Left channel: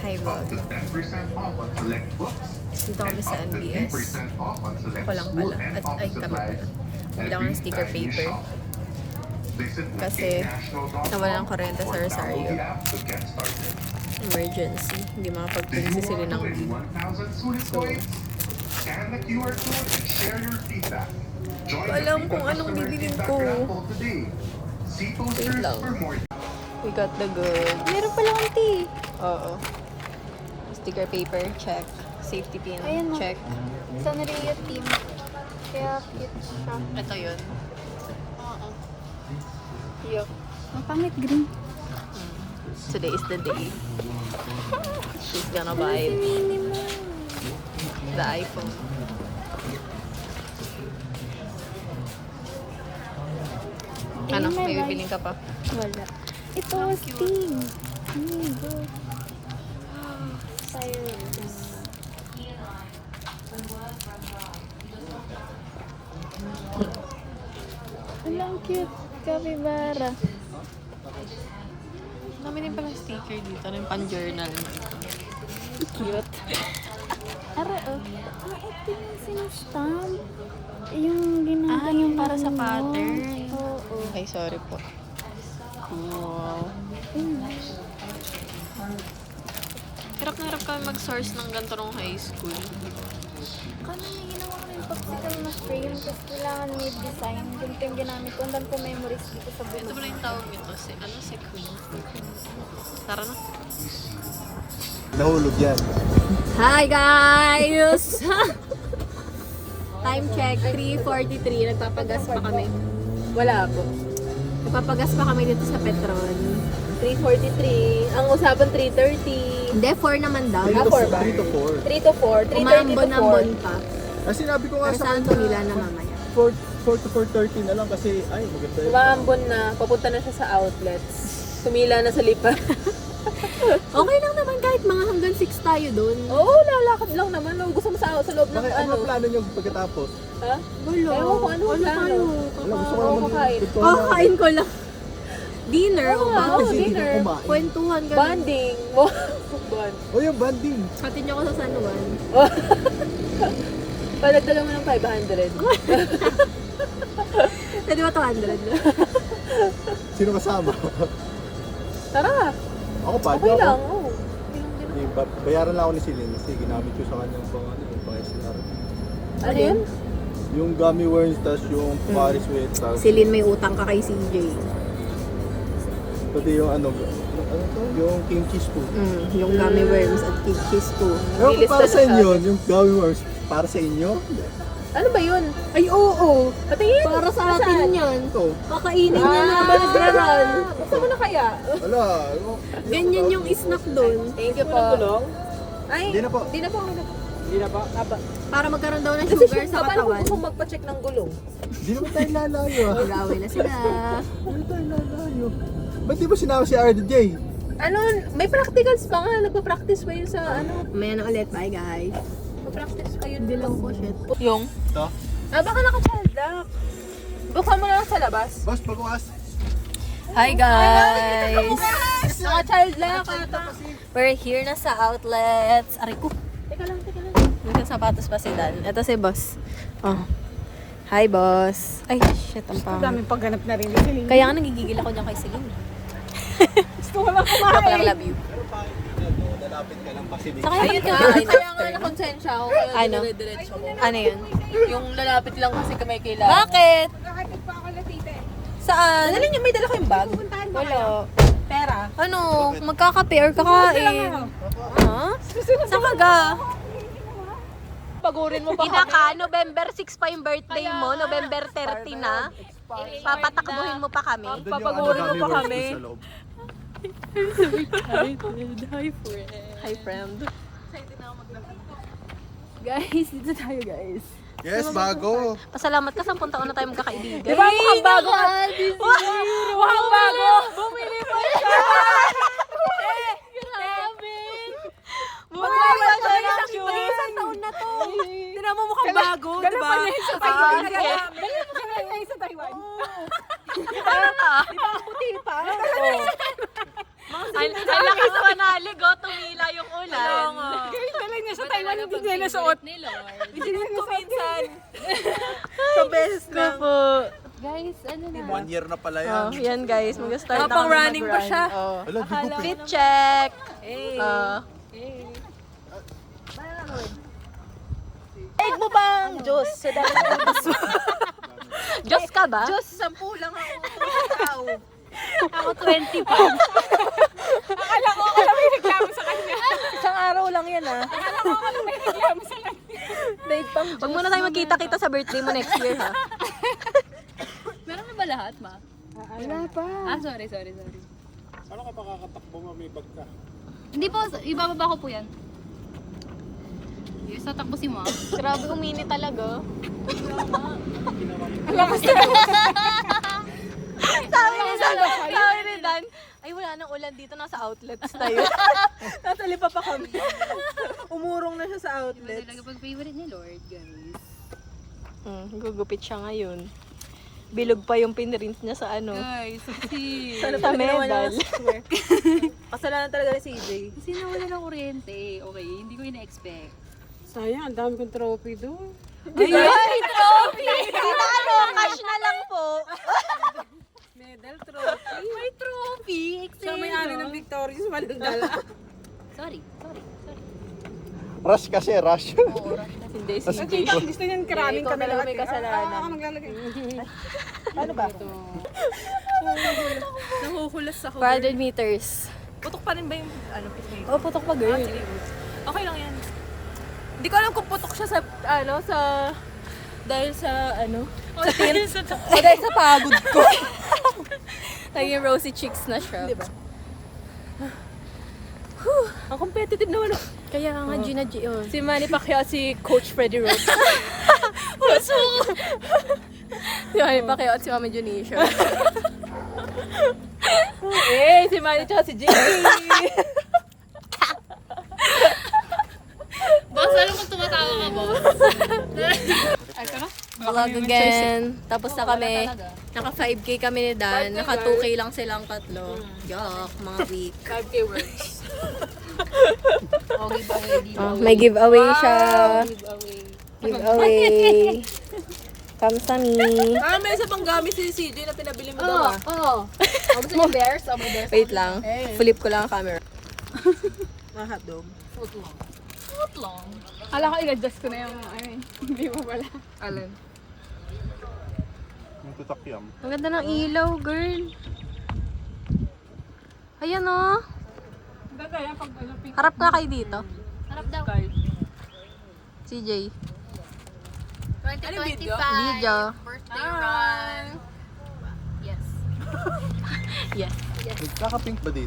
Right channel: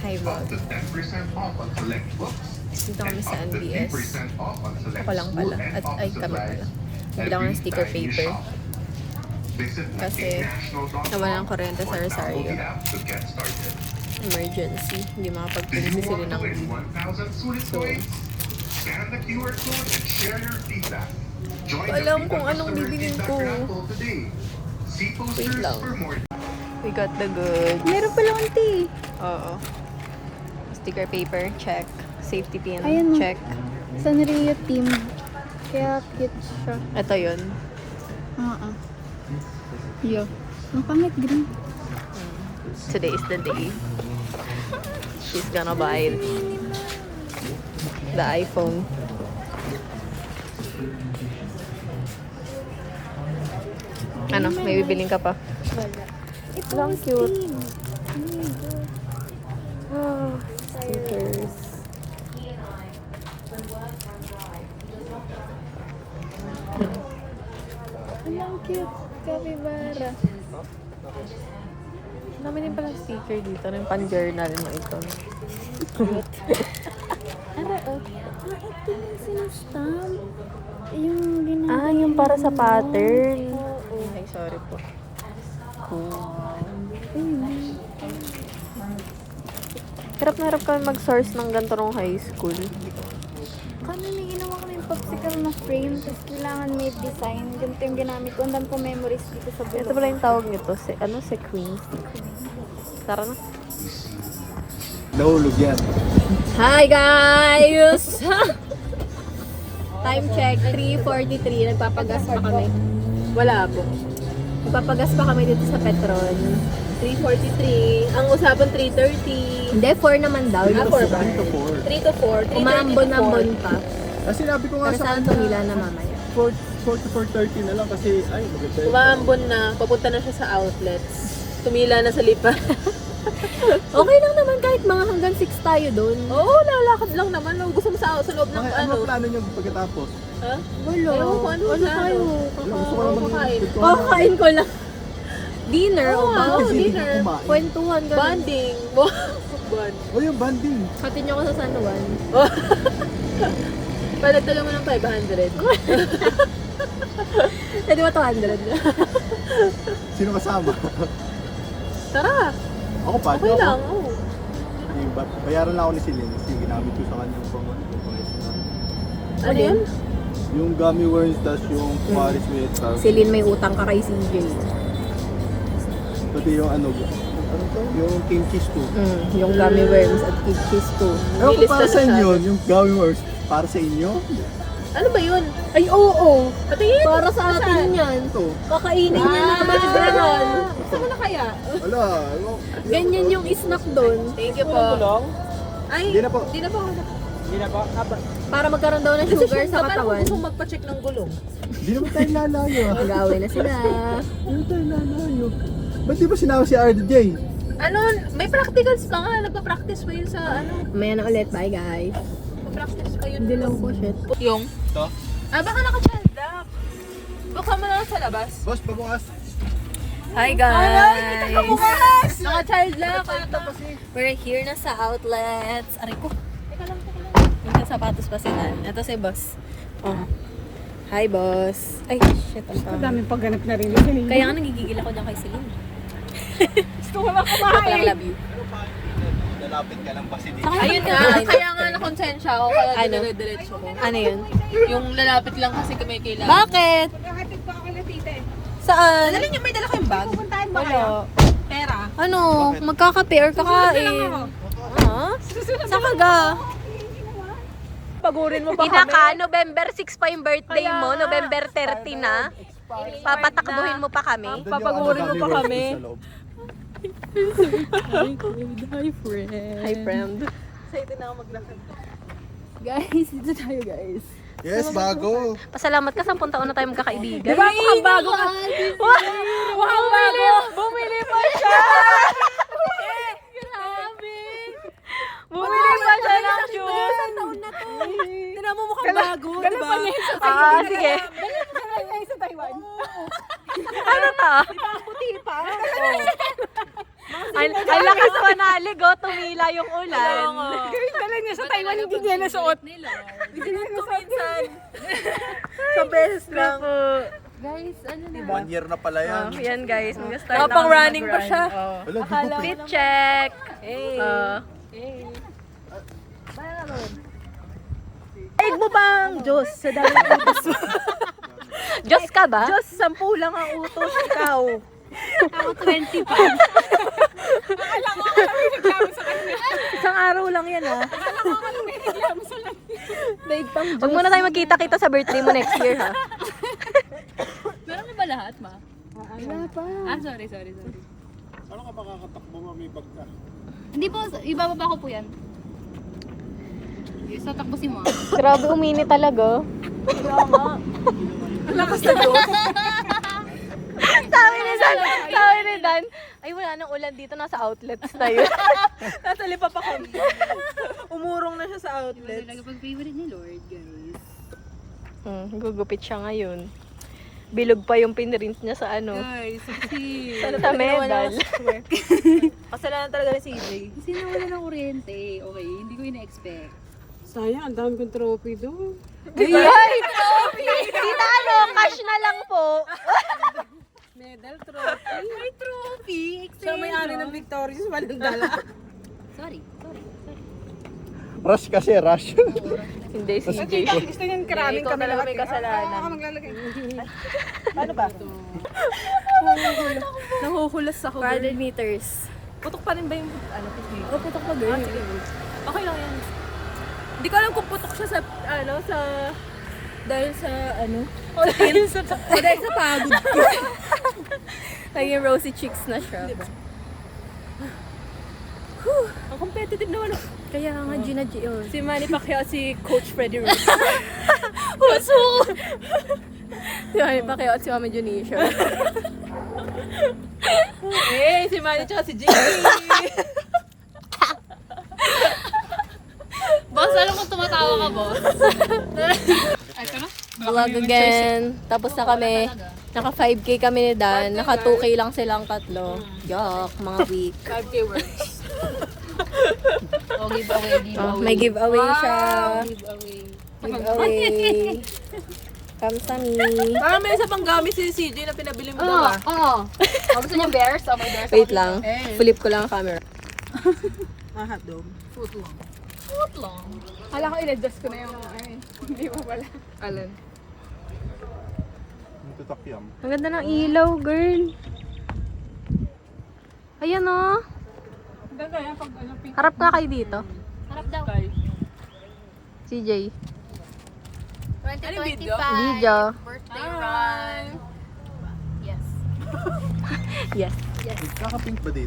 Hi vlog. Dito kami sa NBS. Ako lang pala. At ay kami pala. Bibila ko ng sticker paper. Kasi nawala ng kuryente sa Rosario. Emergency. Hindi makapag-print si sila ng leave. So, alam kung anong bibilin ko. Wait lang. We got the goods. Meron pala ate. Oo. Sticker paper, check. Safety pin, Ayan mo. check. Sanrio team. Kaya cute siya. Ito yun. Yo. Ang pangit green. Today is the day. She's gonna buy it. The iPhone. Ano? May bibiling ka pa? Ito Ang was cute. team. Ah, stickers. Ang cute. Capybara. Dami din pala sticker dito. Ano yung pan-journal mo ito? Cute. Ara, oh. Ito yung sinastamp. Yung ginagawa. Yung para sa mo. pattern. Oo. Ay, sorry po. Cool. Hirap na hirap kami mag-source ng ganito nung high school. Kami may ginawa ko yung popsicle na frame. Tapos kailangan may design. Ganito yung ginamit ko. Ang dami ko memories dito sa bulo. Ito pala yung tawag nito. Si Queen. Tara na. Nahulog yan. Hi guys! Time check, 3:43. Nagpapagas pa kami. Wala po. Nagpapagas pa kami dito sa Petron. 3:43. Ang usapan 3:30. Hindi, 4 naman daw. 3 to 4 4. 3 to 4. Umaambon-ambon pa. Ah, sinabi ko nga Pero sa saan kanya, tumila na mamaya? 4 to 4:30 na lang kasi, ay, maganda yun. Umaambon na. Papunta na siya sa outlets. Tumila na sa lipa. Okay lang naman kahit mga hanggang 6 tayo doon. Oo, lalakad lang naman. Gusto mo sa loob ng Bakit, ano ang plano niyo pagkatapos? Ha? Wala. Ewan ko, ano plano? tayo? Wala, gusto ko lang Kakain. mag- Kakain ko lang. Dinner o ba? Kasi hindi ka kumain. Kwentuhan ka. Banding. O yung banding. Pati niyo ako sa San Juan. Palagdagan mo ng 500. Pwede ba 200? Sino kasama? Tara, Ako pa, okay ako. lang. Oh. Hindi, bayaran lang ako ni Celine kasi ginamit ko sa kanyang pang Ano yun? Yung gummy worms, tas yung Paris with, tas Celine may utang ka kay CJ. pati yung ano to? Yung king cheese ko. Yung gummy worms at kid cheese too. Pero kung para Nilistan sa siya. inyo, yung gummy worms, para sa inyo? Ano ba yun? Ay, oo. Patingin! Para sa atin yan. Ito. Kakainin niya na Balderan. Gusto mo na kaya? Wala, ano? Ganyan yung snack doon. Thank you po. Ay, Hindi na po. Di na po. Para magkaroon daw ng sugar sa katawan. Paano kung magpa-check ng gulong? Hindi naman tayo lalayo ah. Mag-away na sila. Hindi tayo lalayo. Ba't di ba sinama si RJ? Ano, may practicals pa nga. Nagpa-practice pa yun sa ano. Maya na ulit. Bye guys. Nagpa-practice pa yun. Hindi lang po shit. Yung? Ito? Baka naka-child lock. Buksan mo na sa labas. Boss, pabukas. Hi guys! Naka-child lock. We're here na sa outlets. Aray ko. Teka lang. May sapatos pa sila. Ito si boss. Oh. Hi boss. Ay, shit. Ang pangit. Daming pagganap na rin ni Kaya nga nagigigil ako dyan kay Celine. Gusto ko lang kumain. Joke lang, love you. Saka Ayun yung nga, kakain kaya nga after. nakonsensya ako. Kaya Ano? dire-diretso ko. Ano yun? Yung lalapit lang kasi kami kailangan. Bakit? Magkakatid pa ako na tita. Saan? Dali niyo, may dala kayong bag? Puntahan ba Wala. Pera. Ano? Magkakape or kakain? Ha? Saan ka ga? Pagurin mo pa Ina ka, November 6 pa yung birthday mo, November 30 na. Papatakbuhin mo pa kami. Doon yung ano, gummy worms doon sa loob. Hi, friend. Excited na ako maglakad. Guys, dito tayo guys. Yes, bago. Pasalamat ka, 10 taon na tayo magkakaibigan. Ay, bago ka! Wow, bago! Bumili pa siya! Bumili pa siya ng shoes! Mag-isang taon na to. Tinan mo mukhang bago, di ba? Sige. Ay, sa Taiwan. Ano to? Puti pa. Ang lakas manali, go, tumila yung ulan. Sa Thailand, hindi niya nasuot. Isinuot ko minsan. Sa beses lang. Guys, ano na? 1 year na pala yan. Oh, yan guys, mag-start Nakapang running pa siya. Wala, di ko pa. Fit check. Hey. Ay mo bang Diyos sa dahil Diyos ka ba? Diyos, 10 lang ang utos. Ikaw. Ako 20 pa. Akala ko may reklamo sa kanya. Isang araw lang yan ah. May reklamo sa kanya. Huwag muna tayo magkita-kita sa birthday mo next year ha. Meron na ba lahat, ma? Wala pa. Sorry. Ano ka makakatakbo mo, may bag ka? Hindi po, ibababa ko po yan. Yes, tatakbo si ma. Grabe umini talaga. Sabi ni Dan, ay wala nang ulan dito, nasa outlets tayo. Nasa lipa pa kami. Umurong na siya sa Iba outlet. talaga pag favorite ni Lord, guys. Gugupit siya ngayon. Bilog pa yung pinrint niya sa ano. Guys, kasi... Sa medal. Kasalanan talaga ni CJ. Kasi nawala ng kuryente. Okay, hindi ko ina-expect. Sayang, ang dami kong trophy doon. Ay, trophy! Kita ano, cash na lang po. Medal, trophy. May trophy! Siya may-ari ng Victorious, walang dala. Sorry. Rush kasi, rush. Hindi, si Kasi Jay. Gusto niyan karaming Ikaw kami talaga lahat. may kasalanan. Ako maglalagay. Ano ba? Nahuhulas ako. 400 meters. Putok pa rin ba yung ano, picnic? Oh, putok pa girl. Sige. Okay lang yan. Hindi ko alam kung putok siya sa, ano, sa... Dahil sa, ano? Dahil sa pagod ko. Naging rosy cheeks na siya. Ang competitive naman ako. Kaya nga, Gina G. Oh. Si Manny Pacquiao, si Coach Freddie Rose. Si Mami Pacquiao at si Mami Junisha. Si Manny tsaka si Jimmy. Boss, alam mo tumatawa ka, boss. Vlog again. Tapos na kami. Naka 5K kami ni Dan. Naka 2K lang silang tatlo. Yuck, mga weak. 5K words. O, giveaway dito. Oh, may giveaway siya. Giveaway. Kamsani. Parang may isa pang gamit si CJ na pinabili mo daw ah. Gusto niyo bears? O, may bears. Wait lang. Flip ko lang ang camera. Hotdog. Foot long. Alam ko, in-adjust ko na yung hindi mo pala. Alin? Yung tutakyam. Ang ganda ng ilaw, girl. Ayan o. Harap nga kayo dito. Harap daw. CJ. 2025. video? Video. Birthday run. Yes. Yes. Kakapink ba dito?